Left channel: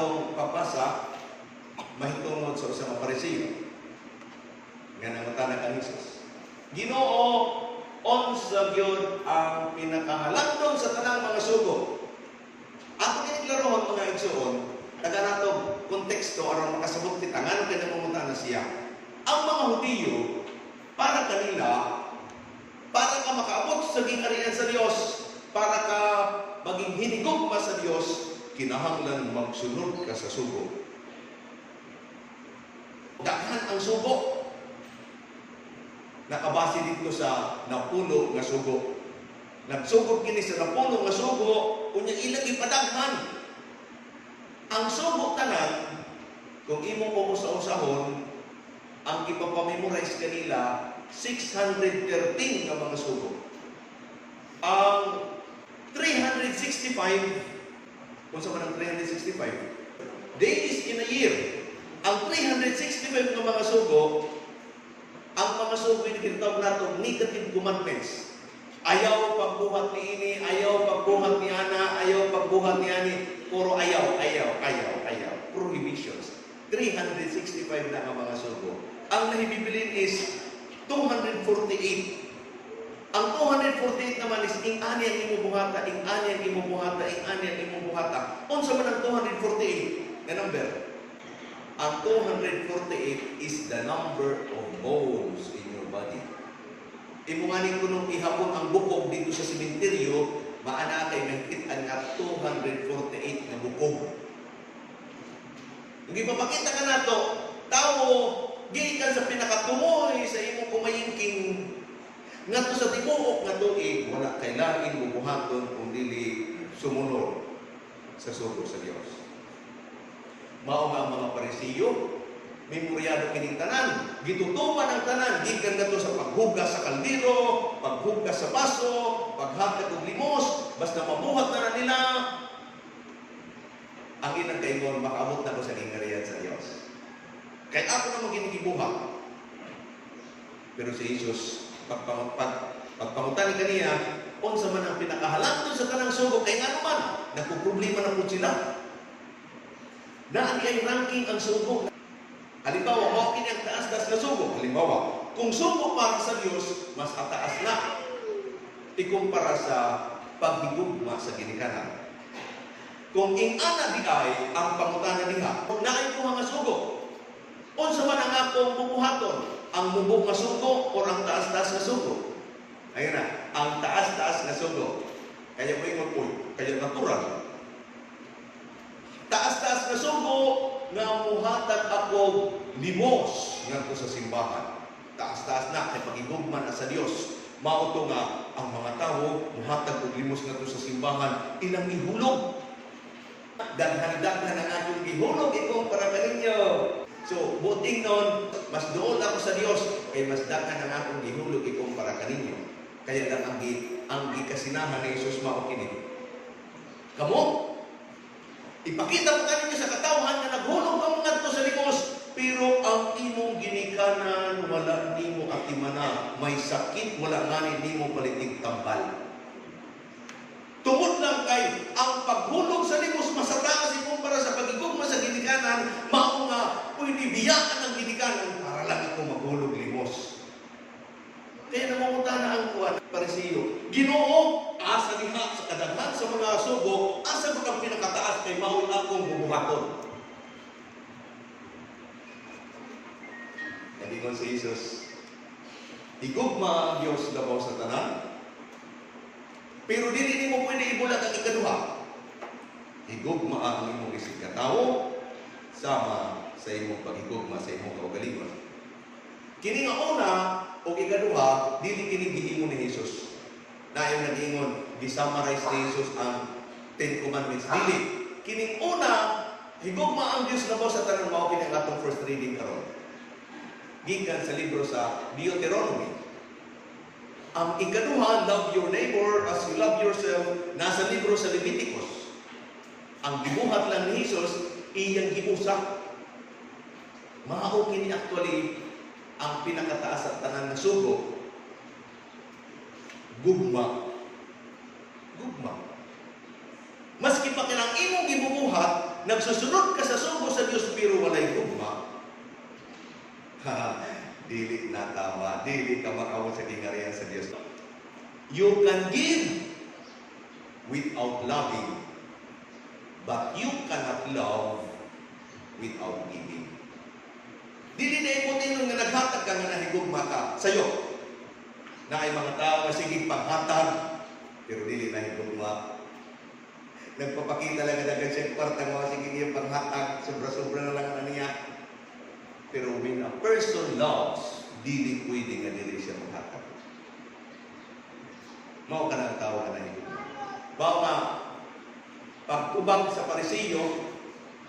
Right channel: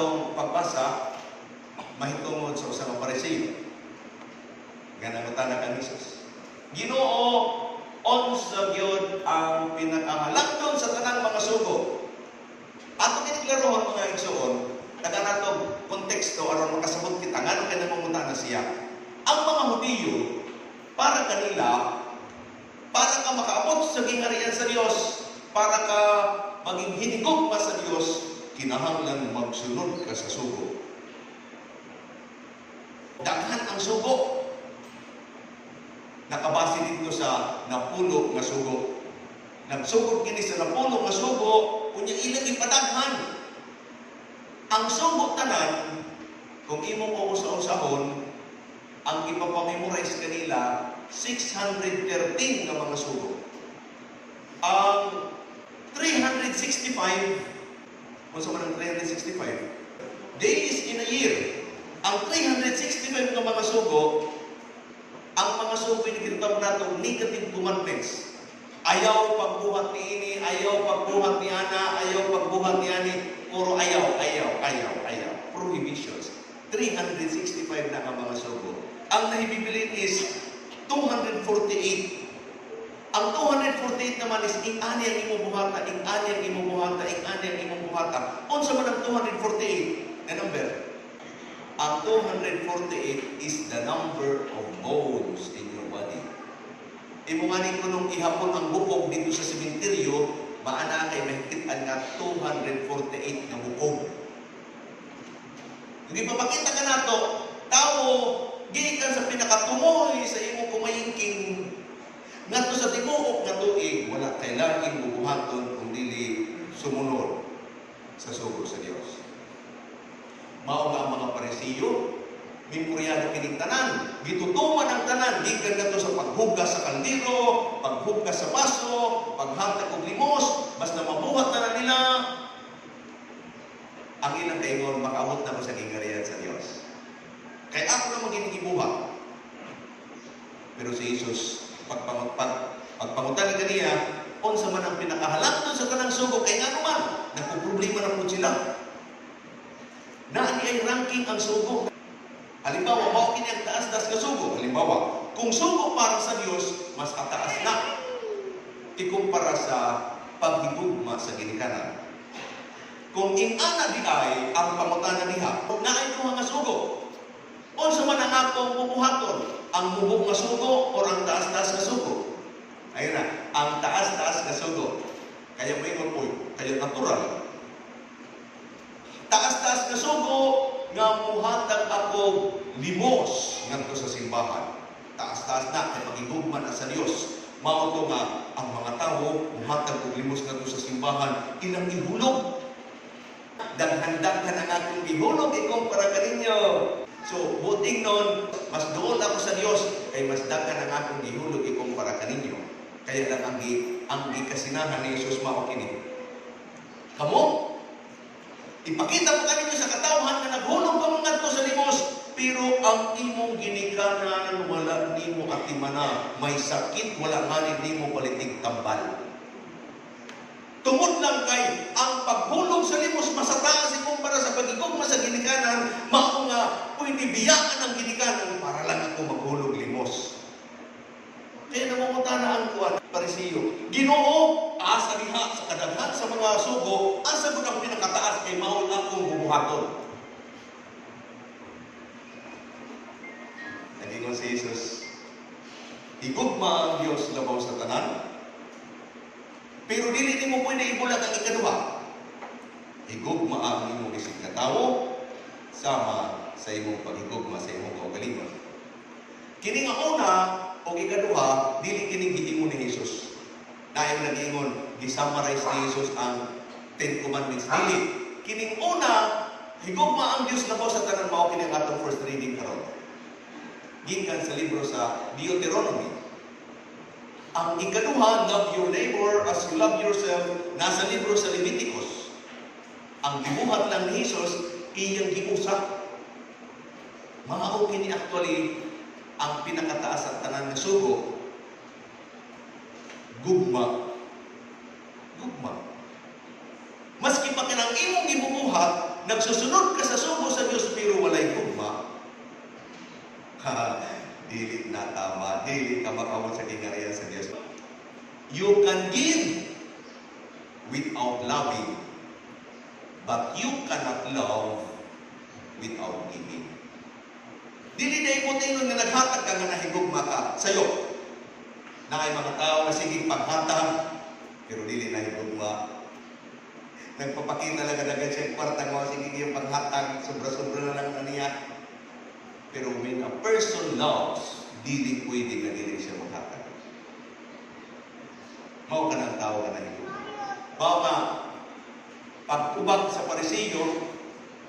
atong pagbasa mahitungod sa usa ka Parisiyo nga nangutana kang Jesus, Ginoo, unsa gyud ang pinakahalangdon sa tanang mga sugo? Ato kiniklarohan mga igsoon, naganatog konteksto aron makasabot kita ngano kay namumutana siya. Ang mga Hudiyo para kanila, para ka makaabot sa gingarihan sa Dios, para ka maging hinigugma sa Dios, kinahanglan magsunod ka sa sugo. Daghan ang sugo. Nakabase dito sa napuno nga sugo. Nagsugod kini sa napuno nga sugo, unya ilang ipadaghan. Ang sugo tanan, kung imo ko usa-usahon, ang ipapamemorize kanila 613 ka mga sugo. Ang 365, kung sa man ang 365 days in a year, ang 365 ka mga sugo, ang mga sugo tinatawag nato negative commandments. Ayaw pagbuhat ni ini, ayaw pagbuhat ni ana, ayaw pagbuhat ni ani, puro ayaw. Prohibitions. 365 na ang mga sugo. Ang nahibibilin is 248. Ang 248 naman is ing-ani ang imubuhata, ing-ani ang imubuhata, ing-ani ang imubuhata. Unsa man ang 248 na number? Ang 248 is the number of bones in your body. Imunganin ko nung ihapon ang bukog dito sa sementeryo, maana kay mahikitan nga 248 na bukog. Hindi pa makita ka nato, tao, gikan sa pinakatumoy sa imong kumayingking ngadto sa tibuok nga tuig, wala kailangan bubuhaton kung dili sumunod sa sugo sa Dios. Mao nga ang mga Parisiyo, memoryado kining tanan, gitutuman ang tanan, gikan ngadto sa paghugas sa kaldero, paghugas sa baso, paghatag og limos, basta mabuhat na nila. Ang ilang taingon, makaabot na ko sa gingarihan sa Dios. Kaya ako naman ginigibuhat. Pero si Jesus, pagpamutan kanina, unsa man ang pinakahalangdon sa kanang sugo, kay nga naman, nagpuproblema na po sila. Naani ay ranking ang sugo. Halimbawa, mao kini ang taas-taas na sugo. Halimbawa, kung sugo para sa Dios, mas ataas na ikumpara sa paghigugma sa ginikanan. Kung ing-ana di ay ang pangutana niha, naay ko nga sugo. Unsa man ang akong bubuhaton? Ang mubog nga sugo o ang taas-taas na sugo? Ayun na, ang taas-taas na sugo. Kaya mo yung po, kaya natural. Taas-taas na sugo nga muhatag ako limos ngadto sa simbahan. Taas-taas na kay pagigugma na sa Dios. Mao to nga ang mga tawo muhatag og limos ngadto sa simbahan, ilang ihulog. Daghan-daghan ang akong ihulog ikumpara kaninyo. So, buting nun, mas doon ako sa Dios, kay mas daghan ang akong ihulog ikumpara kaninyo. Kaya lang ang gikasinahan ni Jesus mao kini. Kamo, ipakita mo kaninyo sa katawhan na naghulog ka mga to sa limos, pero ang imong ginikanan wala nimo atimana, may sakit wala manid nimo palitig tambal. Tungod lang kay ang paghulog sa limos masataas ikumpara sa pagigugma sa ginikanan, mao nga pwede biyaan ang ginikanan para lang ako maghulog limos. Kaya namumutana ang Parisiyo, Ginoo, asa diha sa kadaghan sa mga sugo, asa gud ang pinakataas kay mao akong bubuhaton. Nagingon si Jesus, higugma ang Dios labaw sa tanan, pero dili nimo pwede ibulag ang ikaduha. Higugma ang imong isip nga tawo sama sa imong paghigugma sa imong kaugalingon. Kini nga una o ikaduha, dili kini gihimo ni Jesus. Naayong nag-ingon, di-summarize ni Jesus ang 10 Commandments. Dili. Kining una, higugma ang Dios labaw sa tanan, mao kini ang atong first reading karon. Gikan sa libro sa Deuteronomy. Ang ikaduha, love your neighbor as you love yourself, nasa libro sa Leviticus. Ang gibuhat lang ni Jesus, iyang giusak. Mao kini actually ang pinakataas at tanan ng sugo. Gugma. Maski pa kinang imong gibubuhat, nagsusunod ka sa sugo sa Dios pero walay gugma, dili na tama, dili ka makaabot sa kinariyan sa Dios. You can give without loving, but you cannot love without giving. Dili na iputin nga naghatag ka nga nahigugma ka sa'yo. Na ay mga tao na sige paghatag, pero dili na higugma. Nagpapakita lang na siya kwartang mga sige niyang paghatag, sobra-sobra na lang na niya. Pero when a person loves, dili pwede nga dili siya maghatag. Mao ka ng tao na nahigugma. Mao nga, pagtubag sa Pariseo,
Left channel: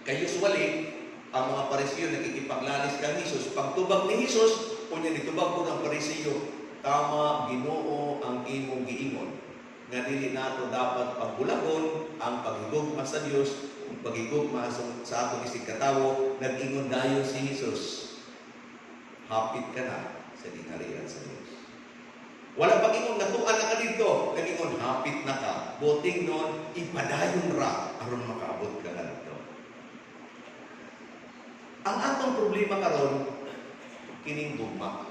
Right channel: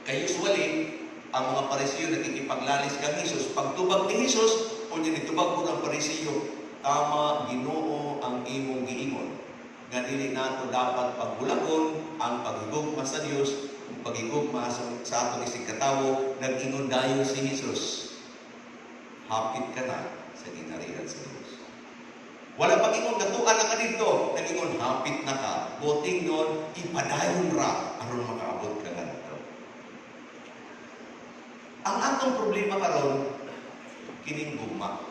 kay usually, ang mga Pariseo nakikipaglalis kang Jesus. Pagtubag ni Jesus, o niya nitubag po ng Pariseo, tama, Ginoo ang imong giingon. Nga dili nato dapat pagbulagon ang paghigugma sa Dios, ang paghigugma sa atong isig katawo, nag-ingon dayon si Jesus. Hapit ka na sa gingharian sa Dios. Wala pag-ingon katuan na ka dito, nag-ingon hapit na ka. Boting nun, ipadayon ra aron makaabot ka na dito. Ang atong problema karon kining gugma.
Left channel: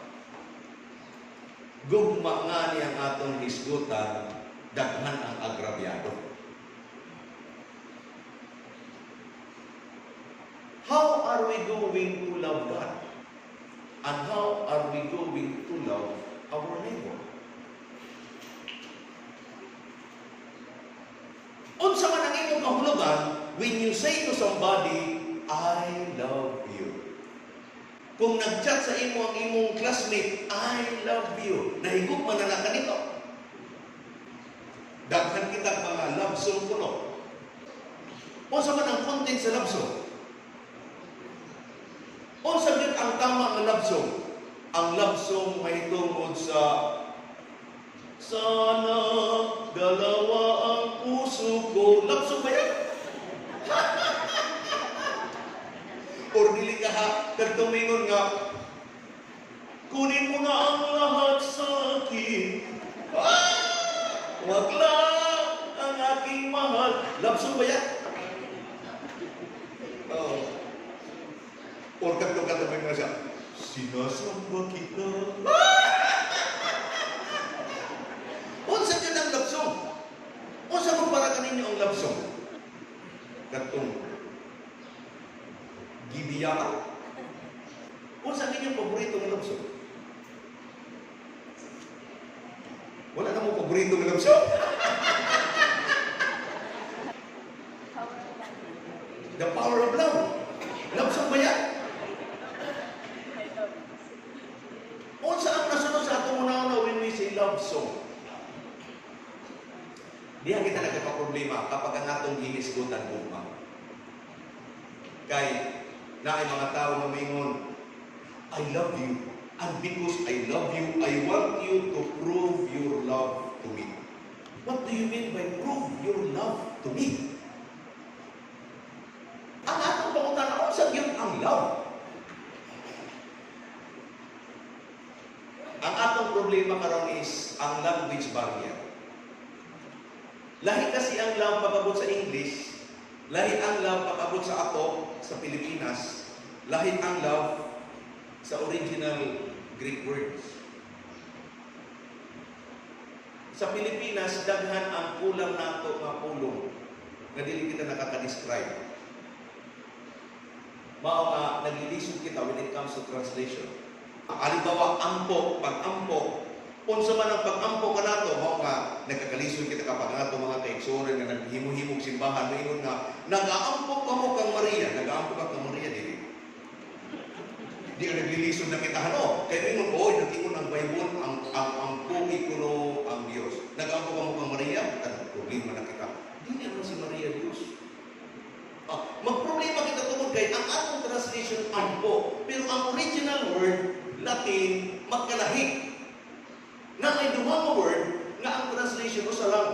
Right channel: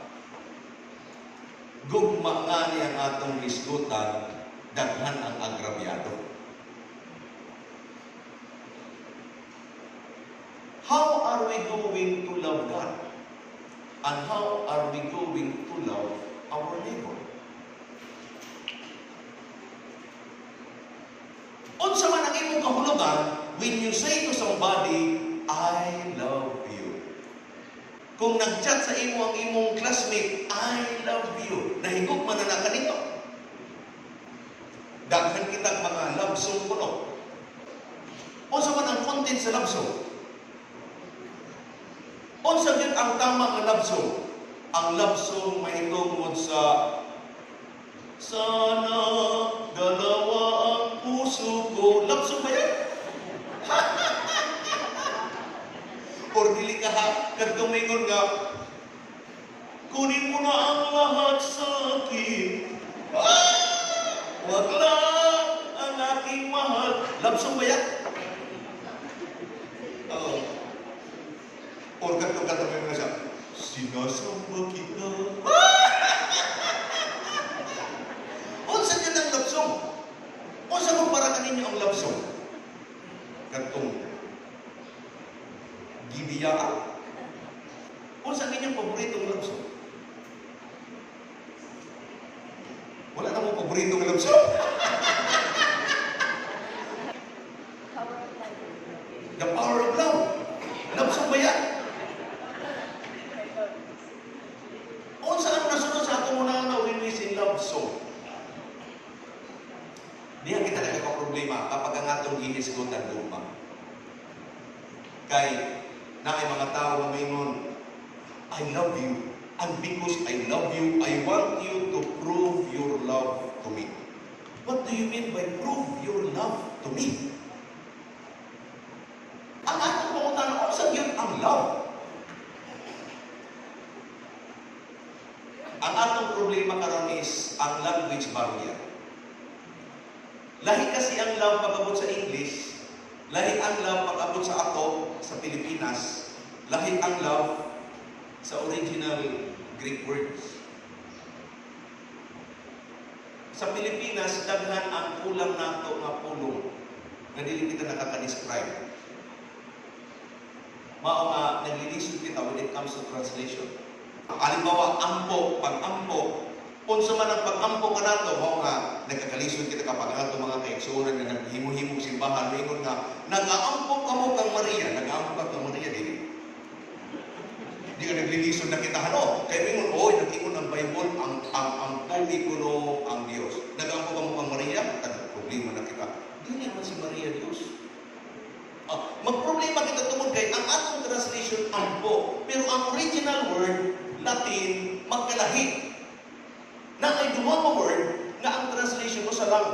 Gugma nga niya ang atong hisgutan, daghan ang agrabyado. How are we going to love God? And how are we going to love our neighbor? Unsa man ang imong kahulugan when you say to somebody, I love you. Kung nag-chat sa imo ang imong classmate, I love you. Nahigugma na lang kanito. Daghan kita mga love song kuno. Unsa man ang content sa love song? Unsa gyud ang tama nga love song? Ang love song may tungod sa sana galawa ang puso ko. Love song ba yan? Or dili ka ha, kagtumingon nga, kunin mo na ang lahat sa akin. Wag lang ang aking mahal. Love song ba yan? Or kagtumingon nga siya, sinasamba kita. Unsa yun ang love song? Unsa kung para kaninyo ang love song? Kagtong gibiya ka. Unsa inyong paboritong love song? Wala namang paboritong love song. The Power of Love. Love song ba yan? Unsa ang nasunod sa atong una when we sing love song? Diha kita nagkakaproblema kapag ang atong ginisgutan gugma. Kay na ay mga tao na mayroon, I love you. And because I love you, I want you to prove your love to me. What do you mean by prove your love to me? Ang atong pangutan, ano sabihin ang love? Ang atong problema karon is ang language barrier. Lahi kasi ang love pag-abot sa English, lahi ang love pag-abot sa ato, sa Pilipinas, lahi ang love sa original Greek words. Sa Pilipinas, daghan ang kulang nato nga pulong nga dili kita nakaka-describe. Mao nga naglilisod kita when it comes to translation. Halimbawa, ampo, pag-ampo, unsa man ang pag-ampo ka nato, mao nga nagkakalisod kita kapag nato mga kaigsuoran nga naghimo-himong simbahan, ingon nga nag-aampo ka mo kang Maria, nag-aampo ka kang Maria dili. Di ka naglilisod na kita hano. Kaya ingon, nag-ingon ng Bible ang pugi kuno ang Dios. Nag-aampo ka mo kang Maria, problema na kita. Dili man si Maria Dios. Magproblema kita tungod kay ang atong translation ampo, pero ang original word Latin magkalahi. Na ay duwa word nga ang translation mo sa lang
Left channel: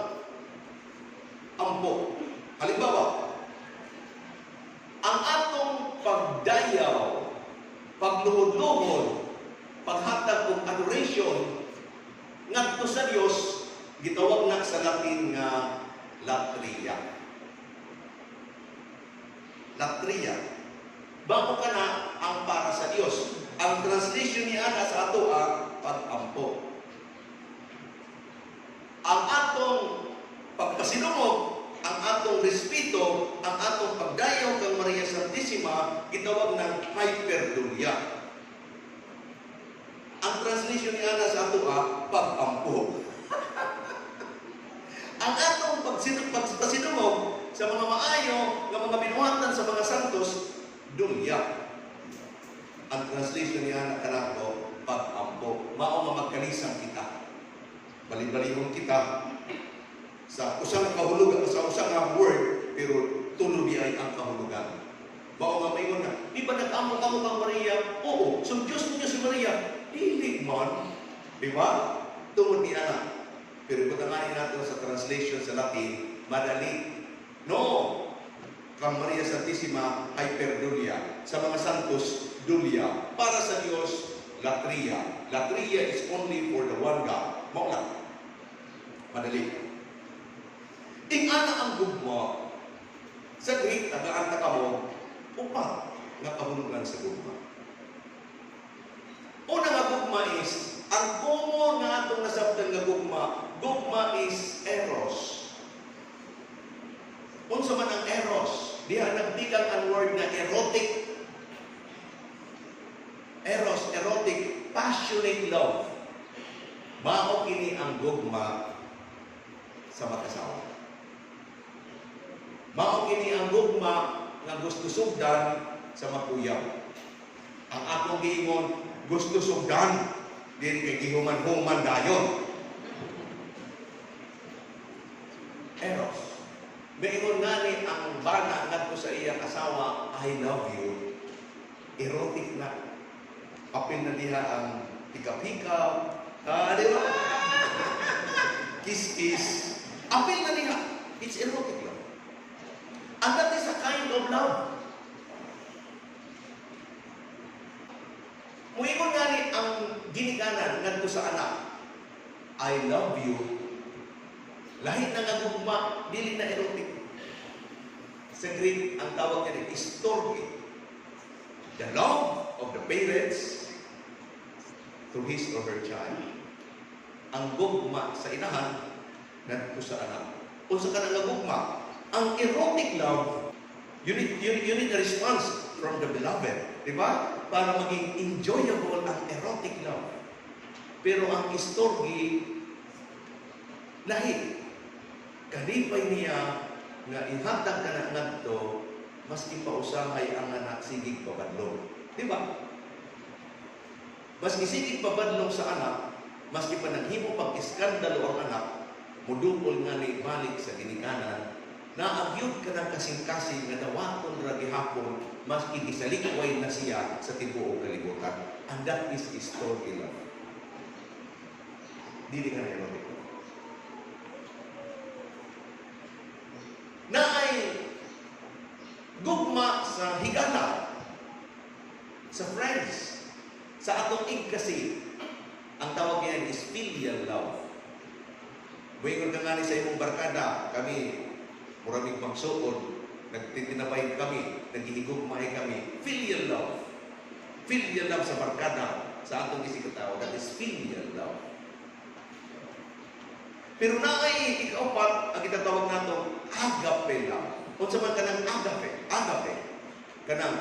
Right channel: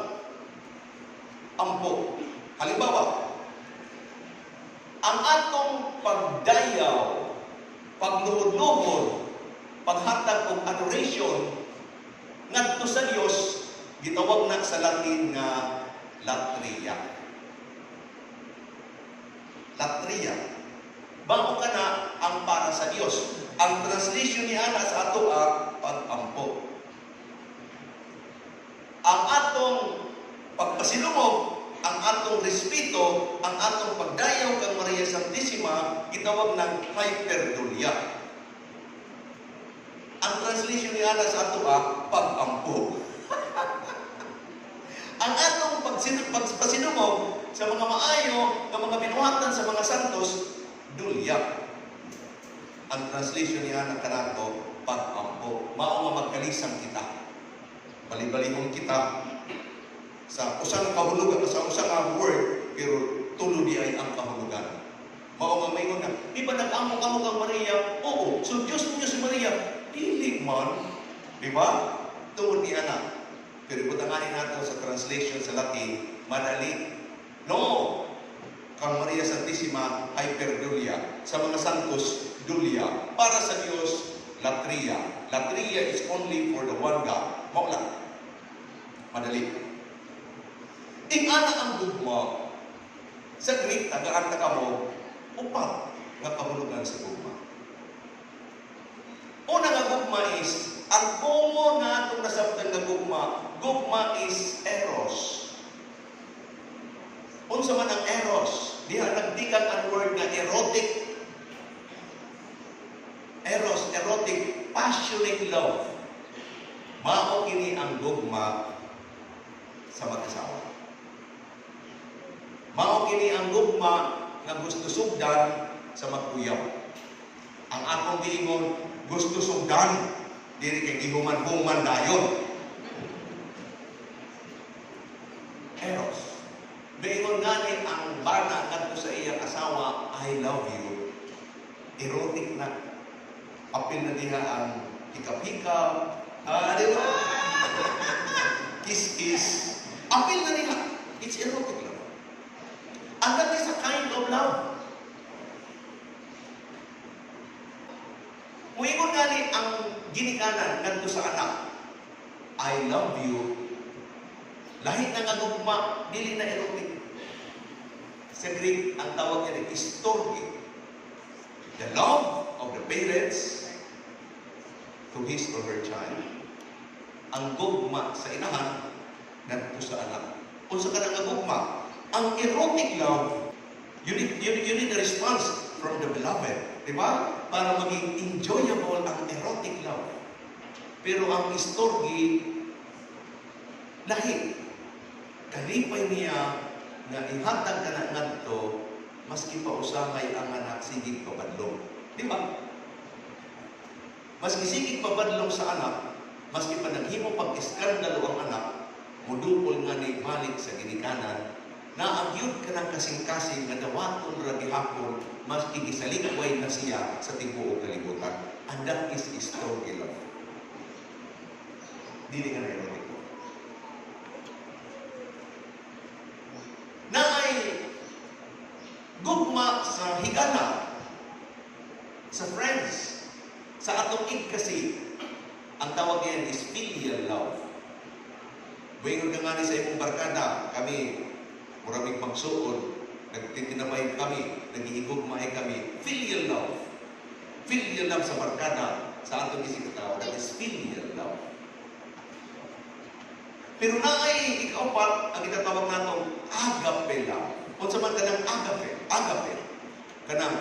ampo. Halimbawa, ang atong pagdayaw, pagluhod-luhod, paghatag og adoration ngadto sa Dios gitawag na sa Latin nga latria. latria. Bago ka na ang para sa Dios. Ang translation niya na sa ato pag-ampo. Ang atong pagpasilumog, ang atong respeto, ang atong pagdayaw kang Maria Santissima, gitawag ng hyperdulia. Ang translation niya na sa ato pag-ampo. Ang atong pagpasilumog sa mga maayo, ng mga binuhatan sa mga santos, dulya. Ang translation niya na kanato, pag-ampo. Mao nga magkalisang kita. Bali-balihon kita sa usang kahulugan, sa usang word, pero tulo di ay ang kahulugan. Mao nga mayon na, di ba nag-amo-amo kang Maria? Oo, so Diyos mo si Maria. Dili man, di ba? Tungod ni anak. Pero ibutanganin natin sa translation sa Latin, madali. No! Kang Maria Santissima, hyperdulia. Sa mga santos, dulia. Para sa Diyos, latria. Latria is only for the one God. Mao lang. Madali. Ingana ang gugma. Sa Greek, tagaan ka mo, upat nga kahulugan sa gugma. Una nga gugma is, ang komo nga itong nasabtang nga gugma is eros. Unsa man ang eros, diha nagdikan ang word na erotic. Eros, erotic, passionate love. Mao kini ang gugma sa mag-asawa. Mao kini ang gugma nga gusto sugdan sa mag-uyaw. Ang akong giingon, gusto sugdan, dili kay gihuman-human dayon. Eros. Gayon nga ni ang bana ngadto sa iyang asawa, I love you. Erotic na. Apil na diha ang hikap-hikap. Di ba? Kiss-kiss. Apil na diha. It's erotic love. And that is a kind of love. Muingon nga ni ang ginikanan ngadto sa anak, I love you. Lahit na nga gugma, dili na erotic. Sa Greek, ang tawag nila is storge. The love of the parents to his or her child. Ang gugma sa inahan, ngadto sa anak. Unsa ka nga gugma? Ang erotic love, you need a response from the beloved. Di ba? Para maging enjoyable ang erotic love. Pero ang storge, lahi. Kalipay niya na ihatag ka na ngadto, maski pa usamay ang anak sigig pabadlong. Di ba? Maski sigig pabadlong sa anak, maski pa naghimo pag-iskandalo ang anak, mudupol nga ni balik sa ginikanan, naagyod ka ng kasing-kasing nga dawaton ra gihapon, maski gisalikway na siya sa tibuok kalibutan. And that is storge love. Dili ka na erotic. Na ay gugma sa higala, sa friends, sa atong kasi, ang tawag niyan is filial love. Buingon ka nga sa imong barkada, kami, muraming magsuod, nagtitinabay kami, naghihigugmay kami, filial love. Filial love sa barkada, sa atong isikatawa, that is filial love. Pero naay ikaupat, ang ikatawag natong agape love. Kung sa man kanang agape, kanang,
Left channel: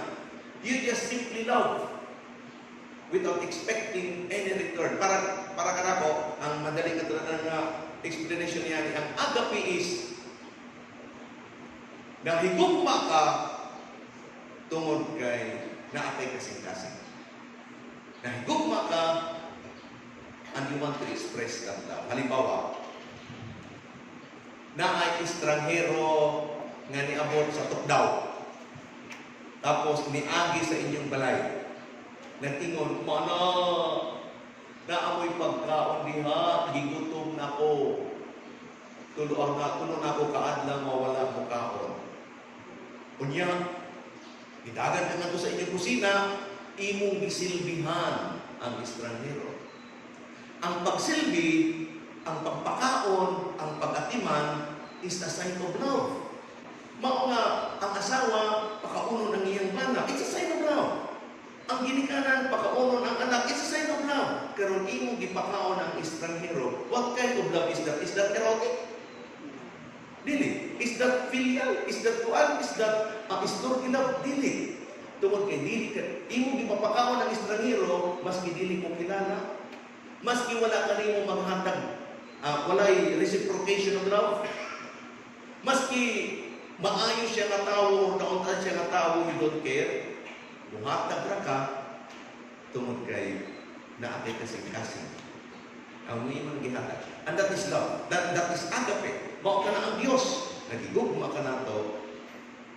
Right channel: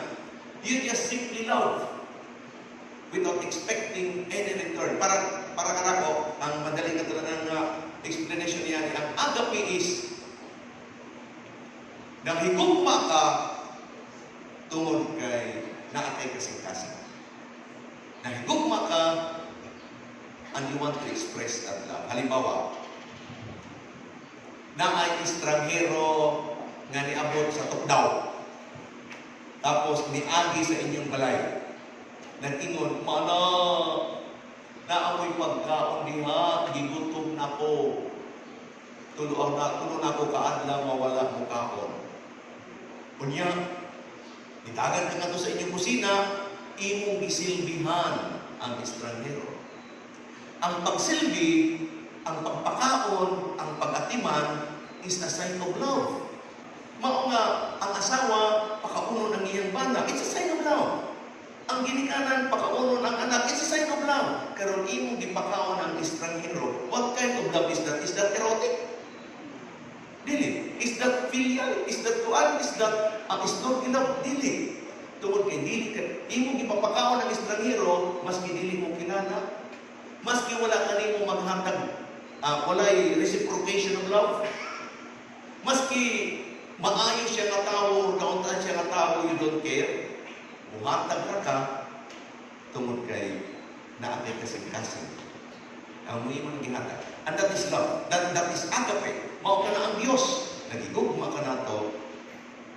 you just simply love without expecting any return. Para kanako, ang madaling katulad explanation niya, ang agape is, nahigugma ka tungod kay naatay kasing-kasing. Nahigugma ka and you want to express that love. Halimbawa, na ay estranghero nga niabot sa Tukdaw. Tapos niagi sa inyong balay. Nagtingon, mana, naamoy pagkaon diha, gigutom na ko. Tulo na ko kaadlang mawala mo kaon. Unya, itagan ka nga to sa inyong kusina, imong gisilbihan ang estranghero. Ang pagsilbi, ang pagpakaon, ang pag-atiman is a sign of love. Mao nga ang asawa pakaunon ang iyang bana. It's a sign of love. Ang ginikanan, pakaunon ang anak. It's a sign of love. Karon imong gipakaon ang estranghero. What kind of love is that? Is that erotic? Dili. Is that filial? Is that tuan? Is that isdog love? Dili. Tungod kay dili ka, imong gipapakaon ang estranghero, maski dili mo kilala, maski wala kanimo maghatag, walay reciprocation of love, maski maayo siya nga tawo, kauntan siya nga tawo, you don't care, buhatag na ka, tungod kay naatay ka sa kinasan. Ang mga gihatag. And that is love. That is agape. Mao ka na ang Diyos. Nagigugma ka na to,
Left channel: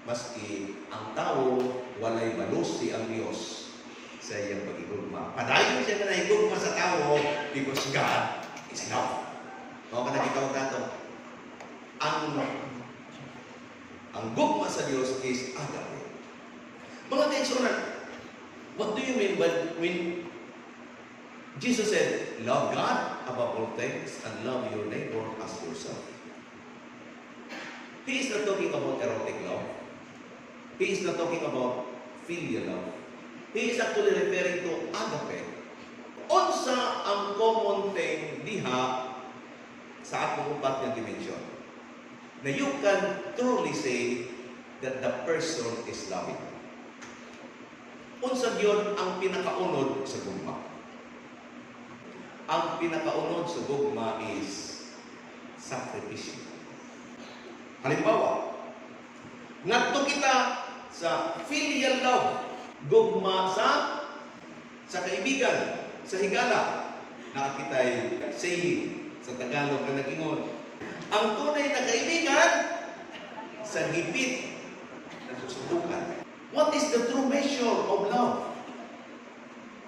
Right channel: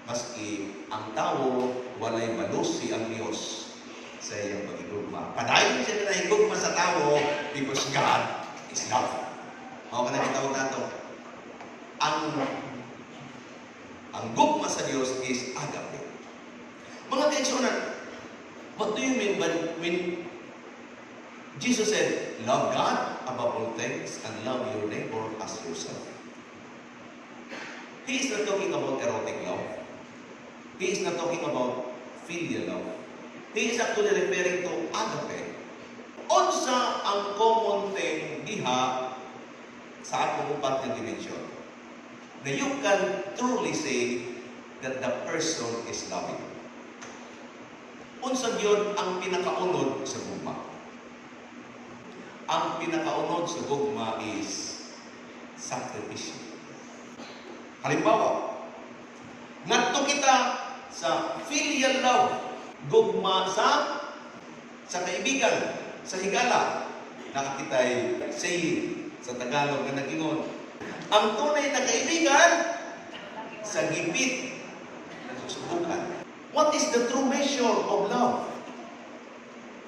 maski ang tao, walay malusi ang Diyos sa iyang pagigugma. Padayon siya na nahigugma sa tao because God is love. Mao ka na kitawag na to. Ang gugma sa Diyos is agape. Mga kaigsunan, what do you mean when Jesus said, love God above all things and love your neighbor as yourself? He is not talking about erotic love. He is not talking about filial love. He is actually referring to agape. Unsa ang common thing diha sa atong upat na dimension? Na you can truly say that the person is loving. Unsa gyud ang pinakaunod sa gugma? Ang pinakaunod sa gugma is sakripisyo. Halimbawa, ngadto kita sa filial love, gugma sa kaibigan, sa higala, nakakitay saying sa Tagalog na nag-ingon. Ang tunay na kaibigan sa gipit na susubukan. What is the true measure of love?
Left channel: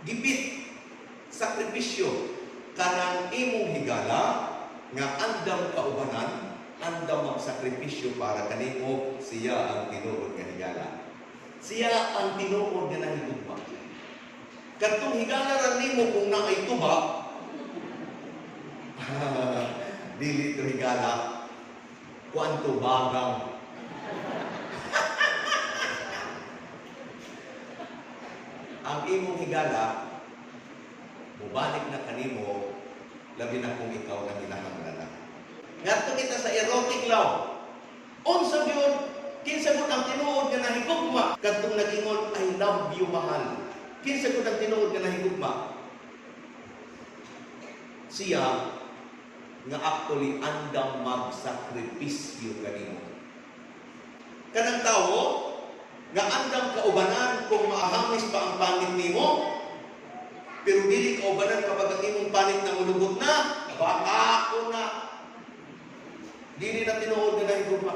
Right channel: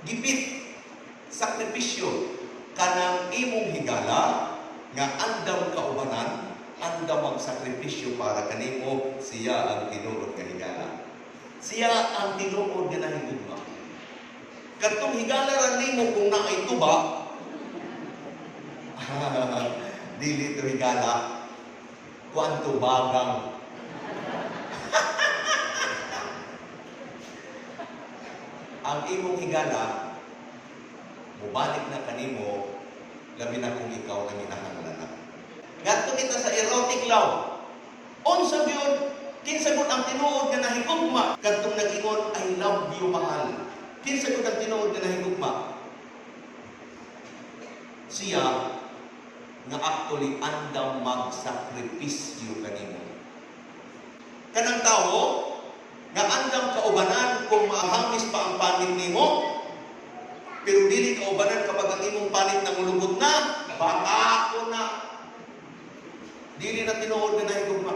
Gipit, sakripisyo, kanang imong higala nga andam kaubanan, andam magsakripisyo para kanimo, siya ang tinuod nga higala. Siya ang tinuod nga nahigugma. Katong higala ra nimo kung naay tuba, dili to higala, kwanto bagang. Ang imong higala, mubalik na kanimo, labi na kung ikaw na minahanglan na. Ngadto kita sa erotic love. Unsa gyud kinsa gud ang tinuod nga nahigugma kadtong nag-ingon I love you mahal. Kinsa gud ang tinuod nga nahigugma? Siya nga actually andam magsakripisyo kanimo. Kanang tawo nga andam kaubanan kung maahamis pa ang panit nimo, pero dili kaubanan kapag ang imong panit na mulubot na, baka ako na. Dili na tinuod na nahigugma.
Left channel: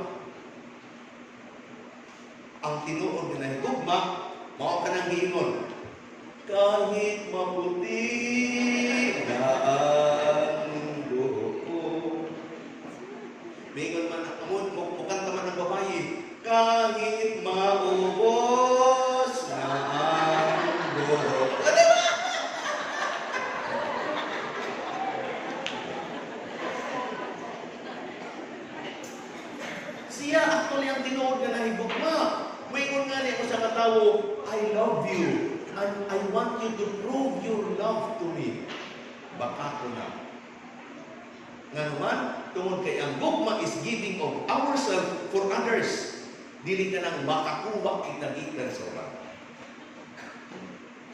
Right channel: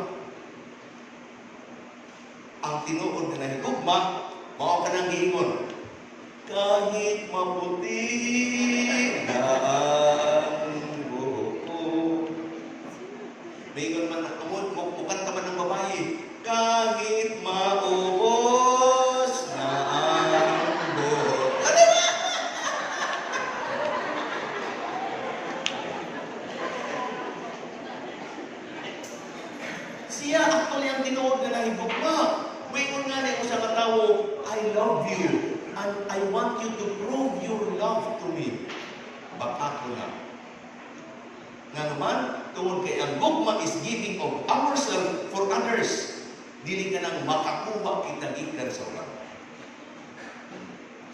Ang tinuod na nahigugma, mao ka nang giingon. Kahit maputi na ang buhok ko. Mingon man ang mukanta man ng babae. Kahit maubos na ang buhok. Ano ba? Siya actually ang tinuod na nahigugma. Mingon nga niya ko sa katawo, I love you. And I want you to prove your love to me. Baka ko na. Nga naman, tungod kay ang gugma is giving of ourselves for others. Dili ka nang makakuha kita gikan sa ulang.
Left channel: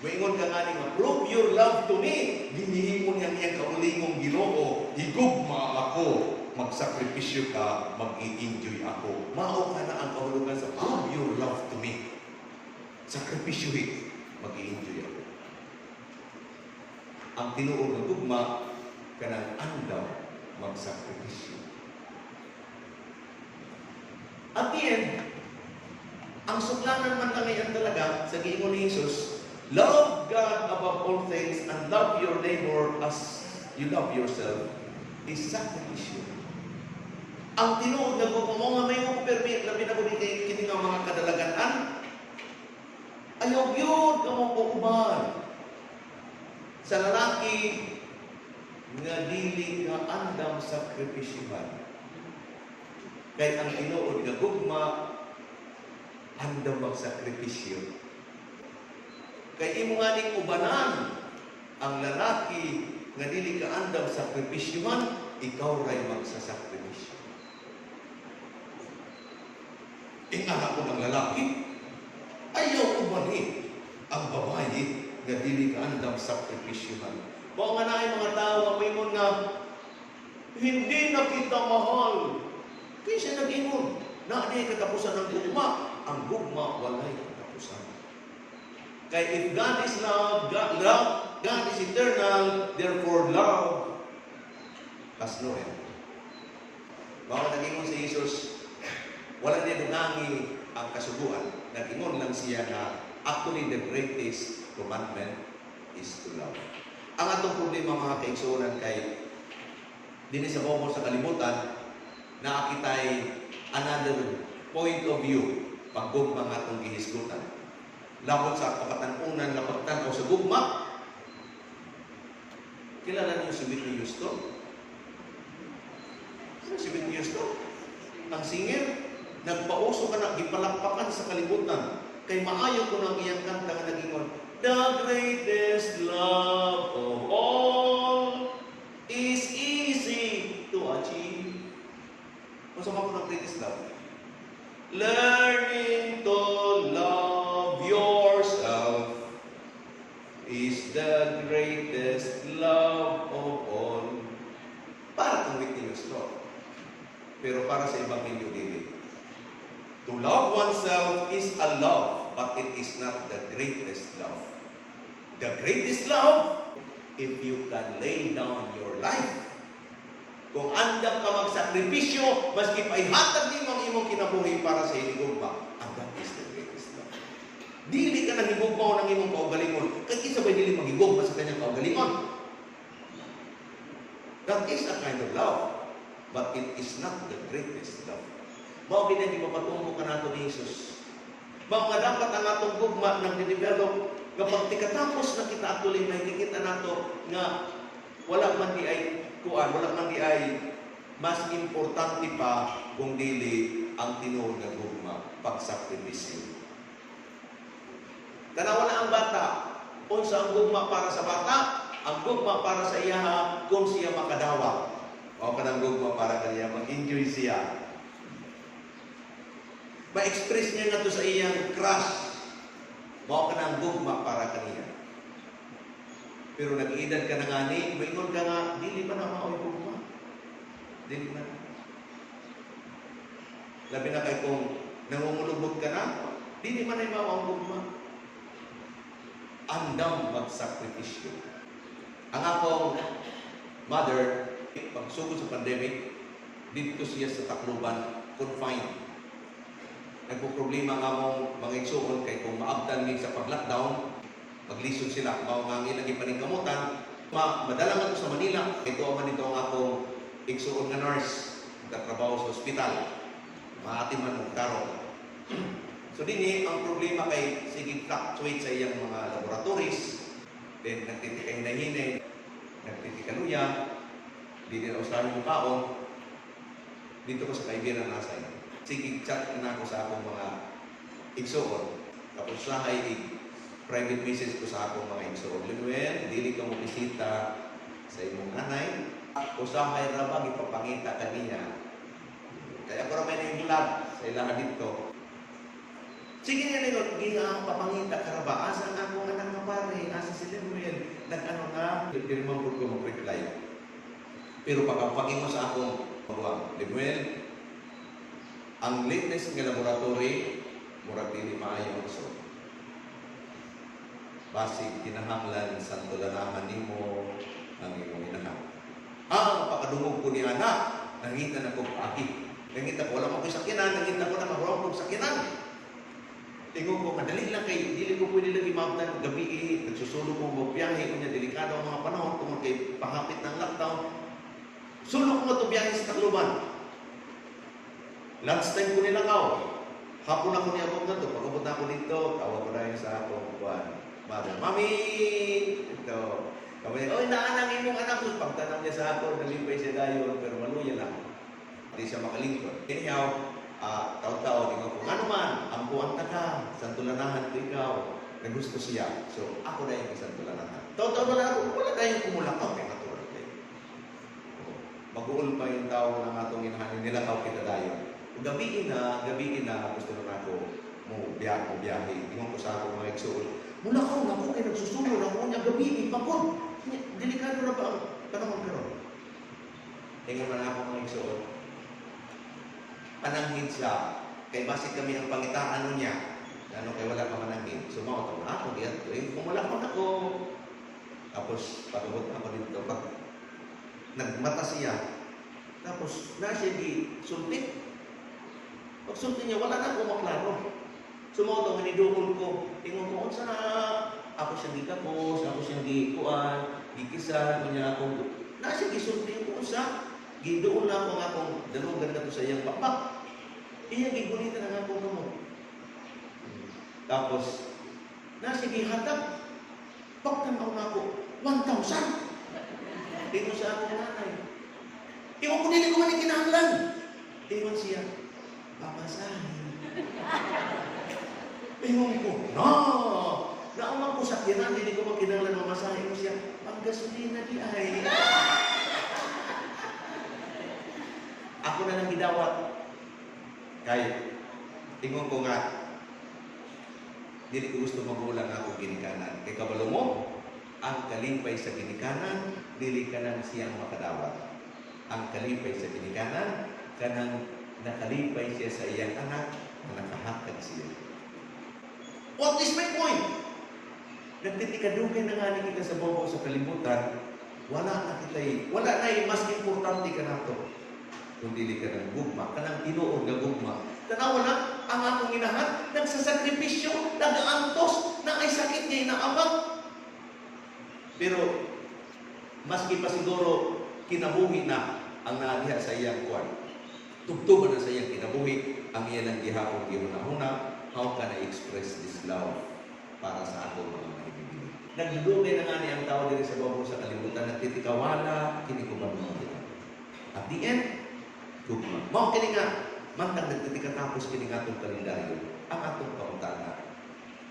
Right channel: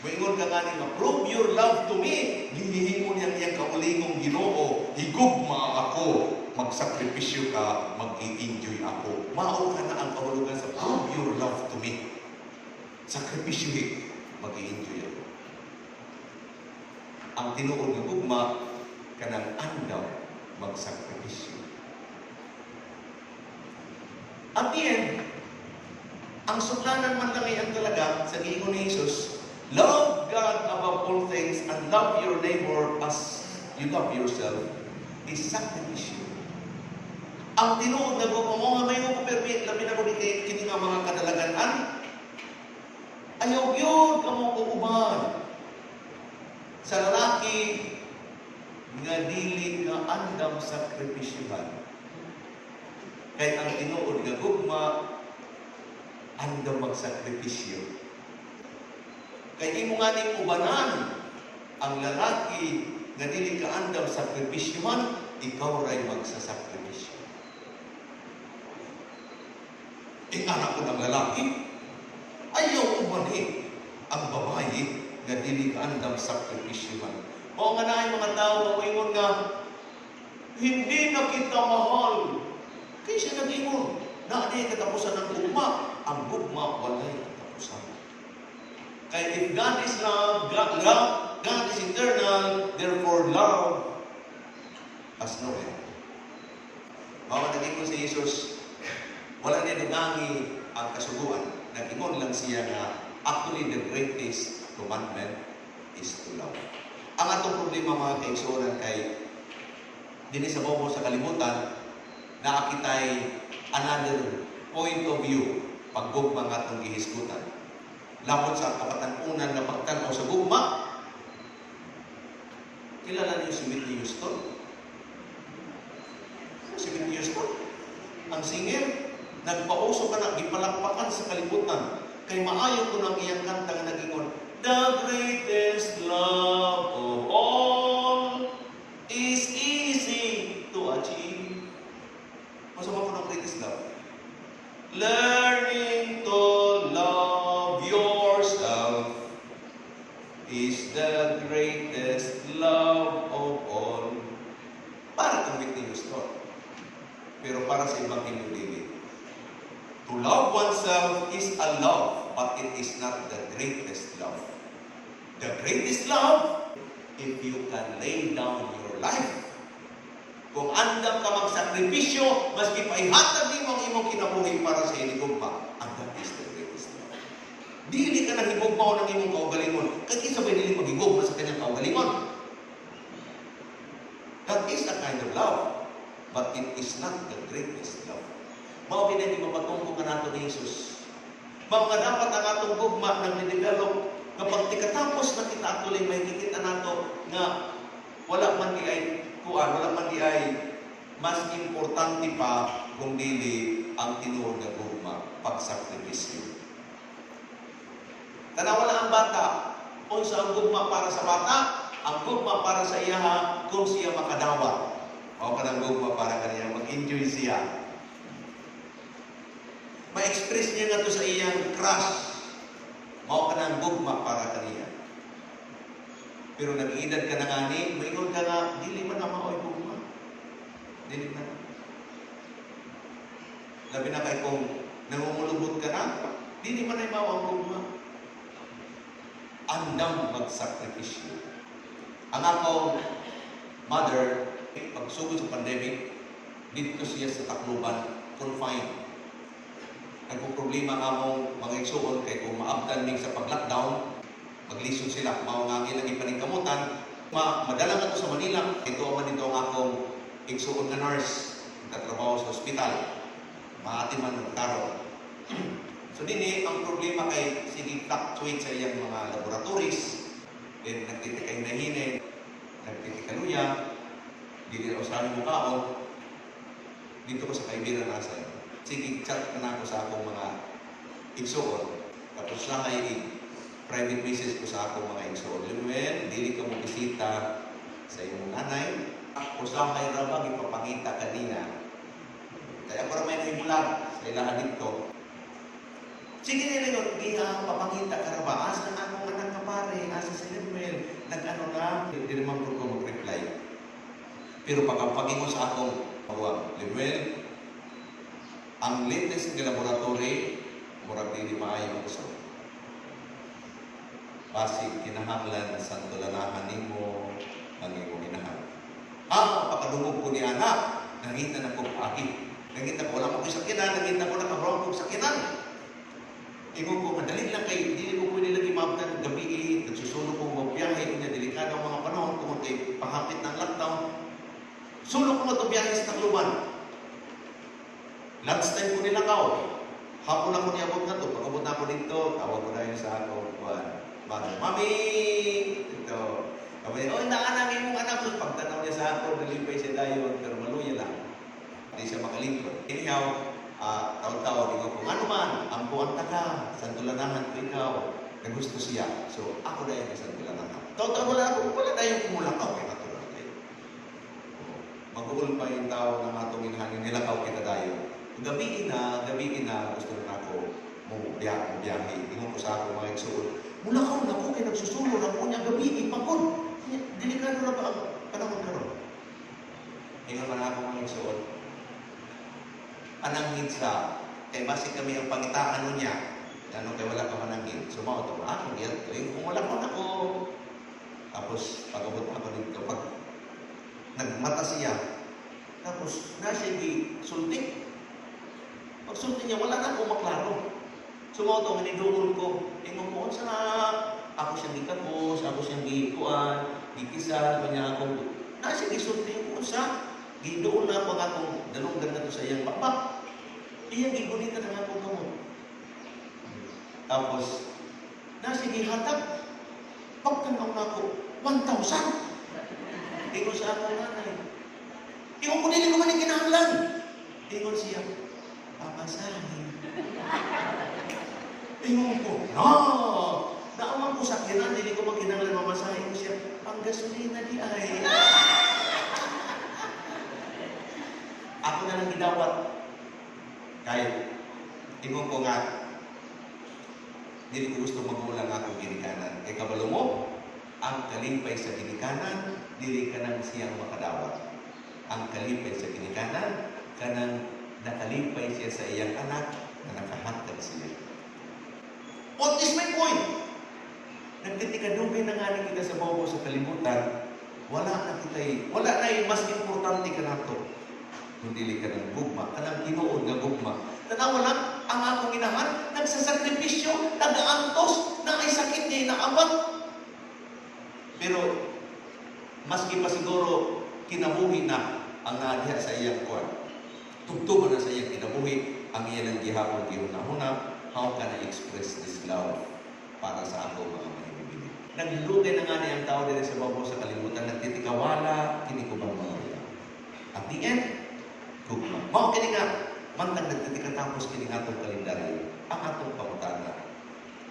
Maingon ka nga ni, prove your love to me. Gihihimo niya niyang kaulingong Ginoo. Higugma ako. Magsakripisyo ka, mag-i-enjoy ako. Mao ka na ang kahulugan sa prove your love to me. Sakripisyohin. Mag-i-enjoy ako. Ang tinuod ng gugma, kanang andaw magsakripisyo. At the end, ang suklanan man kami ang talaga sa giingon ni Jesus, love God above all things and love your neighbor as you love yourself is sakripisyo. Ang tinuod na gugma mo nga may mo permit, labi na ko kini nga mga kadalagan, ayaw yun kamong kukuban sa lalaki nga dili nga andam sakripisyohan. Kaya ang tinuod nga gugma, andam magsakripisyo. Kaya imo nga ning ubanan ang lalaki nga dili ka andam sakripisyohan, ikaw ray magsasakripisyo. Ingana ko ng lalaki, ayaw ubanin ang babae nga dili ka andam sakripisyohan. O nga na mga tao, mayroon nga, hindi na kita mahal. Kaya siya nag-ingon, na di katapusan ng gugma. Ang gugma, walay katapusan. Kaya if God is love, God is eternal, therefore love has no end. Bawa nag-ingon si Jesus, wala na dungangi ang kasuguan. Nag-ingon lang siya nga, actually the greatest commandment is to love. Ang atong problema mga kaigsuonan kay din sa bobo sa kalibutan, nakakitay another point of view paggugma nga atong gihisgutan. Labot sa kapatanunan nga pagtanaw sa gugma, kilala niyo si Whitney Houston? Si Whitney Houston? Ang singer, nagpauso ka na, gipalakpakan sa kalibutan. Kay maayo ko ng iyang kanta nga nag-ingon, the greatest love of all is easy to achieve. Masama ko ng greatest love. Learning to love yourself is the greatest love of all. Para kung Whitney Houston. Pero para sa ibang David. To love oneself is a love, but it is not the greatest love. The greatest love, if you can lay down your life. Kung andam ka magsakripisyo, maski paihatag din ang imong kinabuhi para sa iligugma, and that is the greatest love. Dili ka nang higugma o ng imong kaugalingon, kaya isa ba dili magigugma sa kanyang kaugalingon? That is a kind of love, but it is not the greatest love. Mao binang ipapatungko ka nato ni Jesus. Mao nga dapat ang atong gugma nang i-develop kapag tikatapos na kita atuloy may kikita nato nga wala man di ay kuan, wala man di ay mas importante pa kung dili ang tinuod nga gugma, pagsakripisyo. Wala ang bata, unsa ang gugma para sa bata, ang gugma para sa iya kung siya makadawa. O kanang gugma para kaniya mag-enjoy siya. Ma-express niya nga to sa iyang crush. Mao ka ng gugma para kaniya. Pero nag-iedad ka na ngani, moingon ka nga, dili man na maoy gugma. Dili man. Labi na kay kung nangungulubot ka na, dili man ay mao ang gugma. Andam magsakripisyo. Ang akong mother, pagsugod sa pandemic, dito siya sa Tacloban, confined. Nagpo-problema nga mong mga igsuon kay kung maabtan mig sa pag-lockdown, maglisod sila, mao nga ang ilang ipaningkamutan, madala nga to sa Manila. Ito ang dito ang akong igsuon nga nurse, nagtatrabaho sa ospital, maatiman ng karon. So dinhi ang problema kay sige fluctuate sa iyang mga laboratories, then nagtitikay na hinay, nagtitikaluya, dili na usahay mo kaon, dito ko sa kaibigan na sa sige, chat na ako sa akong mga igsuon. Tapos sa ay private message ko sa akong mga igsuon. Lumen, dili ka mo bisita sa imong anay. Usahay ra ba ipapangita kaniya. Kaya para may nahimulag sa ilaha dito. Sige na nilo, giya papangita ka ra ba? Asa ang akong anak nga pare? Asa si Lemuel? Nag-ano nga? Dili man ko mag-reply. Pero pagkapagingo sa akong pagwang, Lemuel, ang latest nga laboratory, murag di maayo ang result. Basi kinahanglan sa tulanahan nimo ang imong inahan. Pakadungog ko ni anak, nangita na ko aki. Nangita ko, wala ko sakinan, nangita ko na karoon ko sakinan. Tingog ko, madali lang kay, dili ko pwede lagi maabtan gabi, nagsusulong ko magbiyahe, niya delikado ang mga panahon, kung kay pahapit ng lockdown. Sulok mo ito biyahe sa Tacloban. Lunch time ko ninakaw. Hapon ako niya abot na ito. Pag abot na ako dito, tawag ko na yun sa ako. Mother, Mami! Ito. Kapag oh, naanangin mong anak. So, pagtanaw niya sa ako, nalimpay siya dayon, pero maluya lang. Hindi siya makalingkod. Anyhow, taon-taon, kung ano man, ang buwan ka, santulanahan ko ikaw, na gusto siya. So, ako na yung santulanahan. Taon-taon wala tayong kumulakaw, kay natural kayo. Mag-uul pa yung tao ng atong inahanin, nilakaw kita tayo. Gabi na, gusto na ako biyahe. Tingnan ko sa ako mga igsuon. Mula ka na ako, kaya nagsusunod ako niya gabi, ipapon. Delikado na ba ang panahon karon? Tingnan mo na ako mga igsuon. Ananghin siya, kay basi kami ang pangitaan niya. Ano kay wala ka mananghin. Sumaw ito, ako yan. Kumulakon ako. Tapos, pag-abot ako dito, pag nagmata siya, tapos, nasa di sulti. Pag sulti niya, wala na akong maklaro. Sumaw ito, hinidukol ko. Tingnan mo, sa ako siyang gikapos, ako siyang gikuan, gikisa, niya akong, nasa di sulti ko sa, gidoon na ako nga akong dalugan na ito sa iyang pakpak. Iya, gigunitan na akong gamot. Tapos, nasa gihatag, pagtanaw na ako, 1,000. Tingnan siya akong nanay. Tingnan ko nila naman yung kinahanglan. Tingnan siya, papasahin. Tingnan ko, naaman ko sa kinan, hindi ko makinanglan mamasahin siya. Ang gasolina di ay. Ako na lang gidawat. Kahit, tingnan ko nga, hindi ko gusto magulang ako ginikanan. Kay kabalo mo, ang kalipay sa ginikanan, dili ka nang siyang makadawat. Ang kalipay sa ginikanan, kanang nakalipay siya sa iyang anak, na nakahakad siya. What is my point? Nagtitikadugay na nga kita sa bobo sa kalibutan, wala na yung mas importante ka na ito. Kung dili ka ng gugma, kanang tinuod nga gugma. Tanawa lang, ang akong inahan, nagsasakripisyo, nag-aantos, na ay sakit niya inaabat. Pero, maski pa siguro, kinabuhi na ang naadiha sa iyang kuwan. Tugtugan na sa iyang kinabuhi, ang iyan ang gihapon gihunahuna, how can I express this love para sa ako mga manibibili. Naglugay na nga niya ang tao din sa babo sa kalimutan, nagtitikawala, kinikubang mga ito. At the end, gugma. Mao kini nga, mantag nagtitikatapos kini nga itong kalendaryo, ang atong pangutana,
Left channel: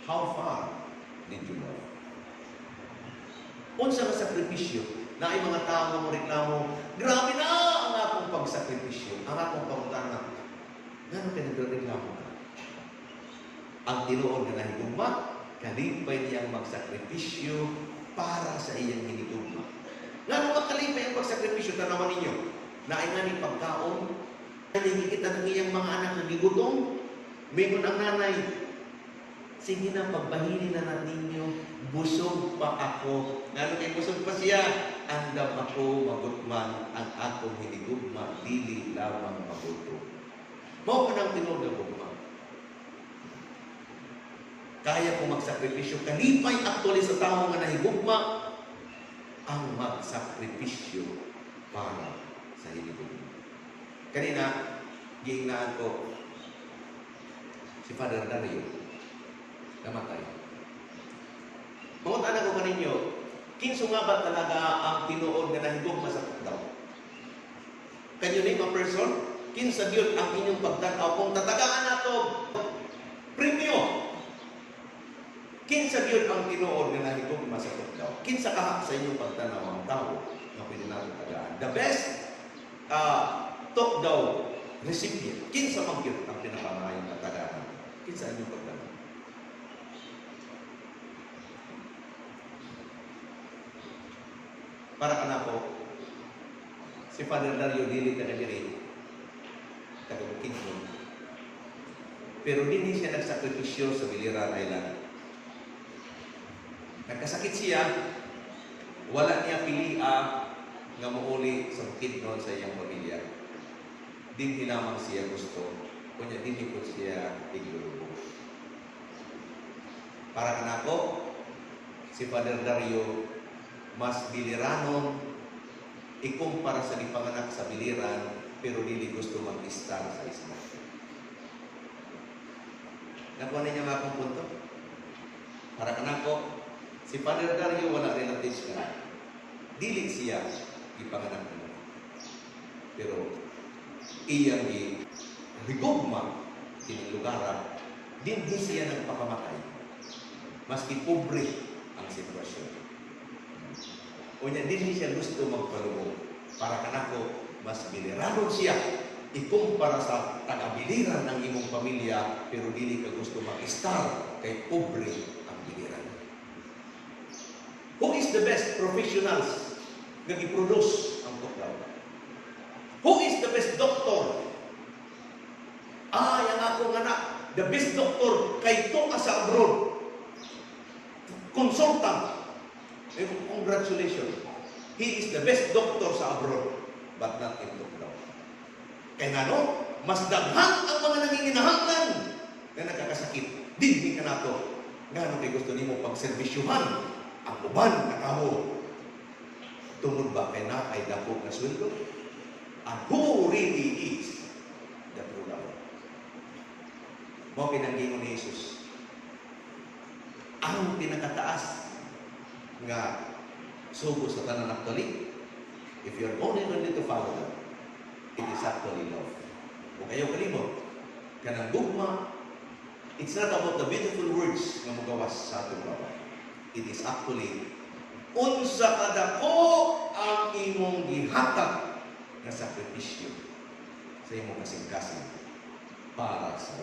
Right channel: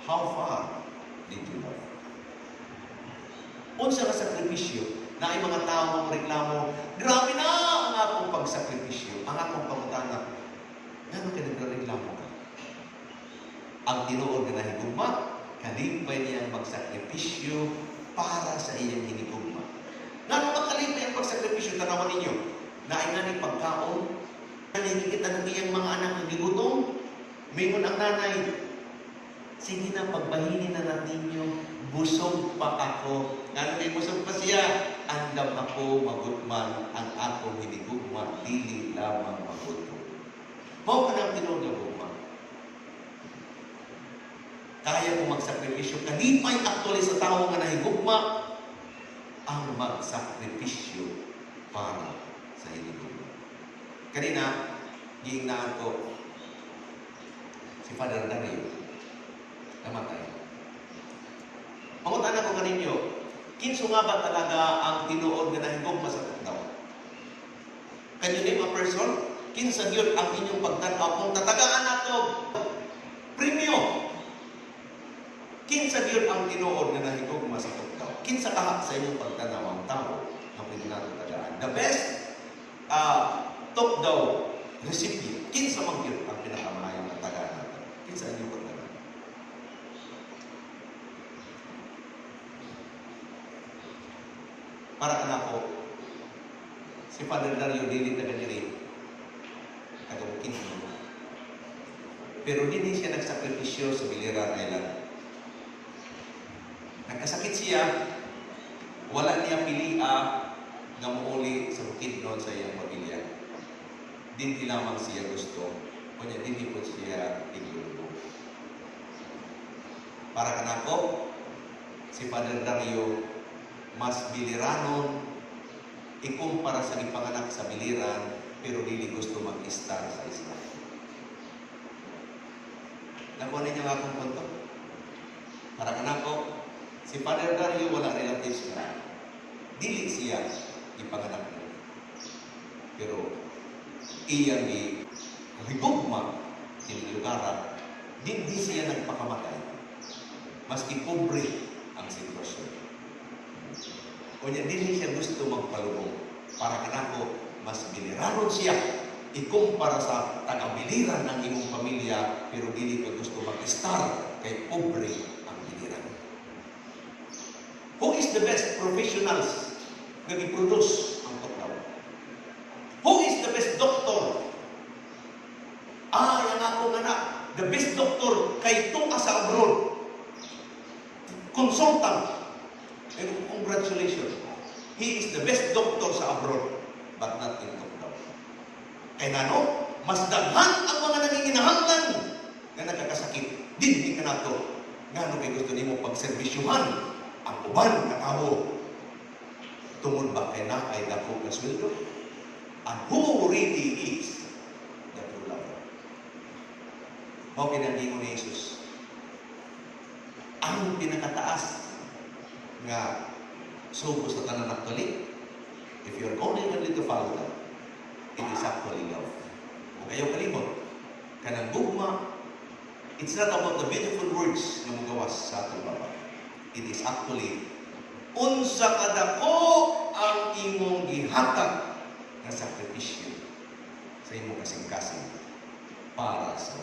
how far did you love? Unsa ka sakripisyo na ay mga tao mo reklamo, grabe na ang akong pagsakripisyo, ang akong pangutana, ngano ka nagreklamo ka? Ang tinuod nga hinigugma, kalipay niyang magsakripisyo para sa iyang hinigugma. Ngano makalipay ang pagsakripisyo? Tanawan ninyo, na ay nga ni pagkaon, nakikita ng iyang mga anak na gigutom, mayroon ang nanay, sige na, pagbahinin na natin ninyo, busog pa ako. Ngano kay busog pa siya? Andam ako magutman, ang akong hinigugma, dili lamang magutom. Mao pa ng tinuod na gugma. Kaya kong magsakripisyo, kalipay actually sa tao nga nahigugma, ang magsakripisyo para sa hinigugma. Kanina, giingnan ko si Father Dario, namatay. Mangutan ako kaninyo, kinso nga ba talaga ang tinuod nga nahigugma sa daw? Can you name a person? Kinsa gyud ang inyong pagtanaw kung tatagaan nato premyo? Kinsa gyud ang tinuod nga nahigugma sa daw? Kinsa ka sa inyong pagtanaw ang tao na pwede natin tagaan? The best talk daw recipient. Kinsa man gyud ang pinakamayong na tagaan nato? Kinsa ang inyong pagtanaw? Para ka na po, si Father Dario dili ka nagiri, taga-Bukid. Pero hindi siya nagsakripisyo sa Biliran Island. Nagkasakit siya, wala niya pilia nga mauli sa Bukid noon sa iyang pamilya. Hindi lamang siya gusto, kunya hindi po siya iglubo. Para ka na po, si Father Dario mas biliranon, ikumpara sa ipanganak sa biliran, pero dili gusto mag-istar sa isla. Nakuha na niya nga akong punto. Para kanako, si Father Dario wala relatives na. Dili siya ipanganak na. Pero iyang higugma sining lugar, dinhi siya nagpakamatay. Maski pobre ang sitwasyon. Unya dinhi siya gusto magpalubong para kanako mas biniraron siya ikumpara sa taga-biliran ng imong pamilya, pero dili ka gusto mag-star kay pobre ang biliran. Who is the best professionals nga gi-produce ang tuklaw? Who is the best doctor? Yang akong anak, the best doctor kay tuwa sa abroad. Consultant. Congratulations. He is the best doctor sa abroad, but not in Tuklaw. Kaya nga no, mas daghan ang mga nanginginahanglan na nagkakasakit. Dinhi ka na to. Nga kay gusto nimo pagserbisyuhan ang uban na tao. Tungod ba kay na ay dako na sweldo? And who really is the true lover? Mao pinanggingon ni Jesus. Ang pinakataas nga sugo sa tanan actually, if you're only ready to follow that, it is actually love. Kung ayaw kalimot, kanang gugma, it's not about the beautiful words na magawas sa ating baba. It is actually, unsa kadako ang imong gihatag na sakripisyo sa imong kasing-kasing para sa